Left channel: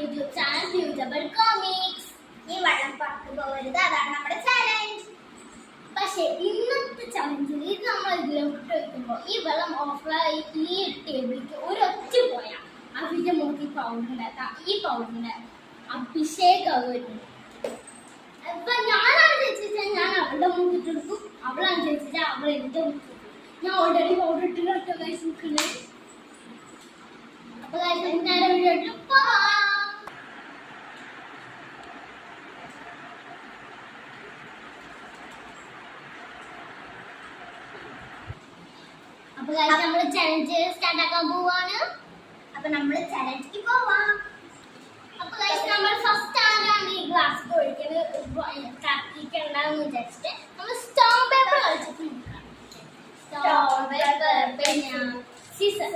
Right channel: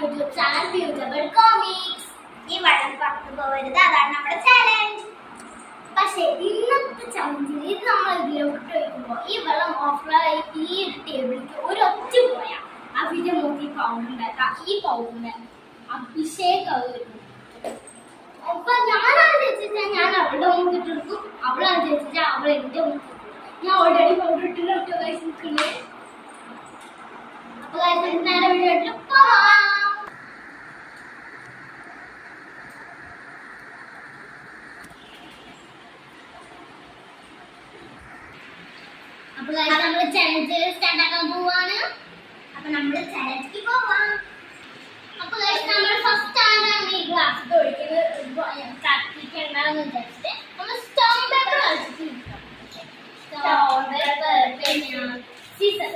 YouTube channel ബ്യൂട്ടബിൾ comics. ഈ വെള്ളം പുറത്തു പോകരുത്, അതാണ് നമ്മുടെ ചാലഞ്ച്. പക്ഷേ ഇന്നത്തെ ചലഞ്ചിൽ ഇത് നമ്മൾ ഇതിലോട്ട് വയ്ക്കുമ്പോൾ ഈ വെള്ളം ഓഫറായി ഈ ടേബിളിലേക്ക് ഒരൊറ്റ പോയാൽ അവിടെ നോക്കി പൗഡർ ഉണ്ടാക്കാം. ഈ പൗഡറിന്റെ അഭിഷേകം വരും. അപ്പൊ ഞാനാണ് ചോദിച്ചാൽ ഞാൻ അവളുടെ മുഖത്തിട്ടെടുക്കും, അവളാണ് ചോദിച്ചാൽ അവൾ എന്റെ മുഖത്തിട്ടു. ഞാൻ ഓൾറെഡി പൗഡർ ഇട്ടിട്ട് കഴിച്ചിരിക്കുന്നത്. അപ്പൊ നേരെ വീഡിയോ പോവാം. അപ്പൊ നമ്മള് ചലഞ്ച് സ്റ്റാർട്ട് ആക്കാൻ പോവാണ്. അപ്പൊ നമ്മള് ചലഞ്ചിക്ക് പോവാം. അപ്പൊ നമ്മൾ ഫസ്റ്റ് ആണ് ഈ ഗ്ലാസ് ഒഴിക്കുന്നത് കത്തിക്കണ്ടെന്ന് വിചാരിച്ചിട്ട് നമ്മൾ സ്റ്റോൺ പേപ്പർ കളിച്ചിട്ട് സ്റ്റോൺ പേപ്പർ സീസർ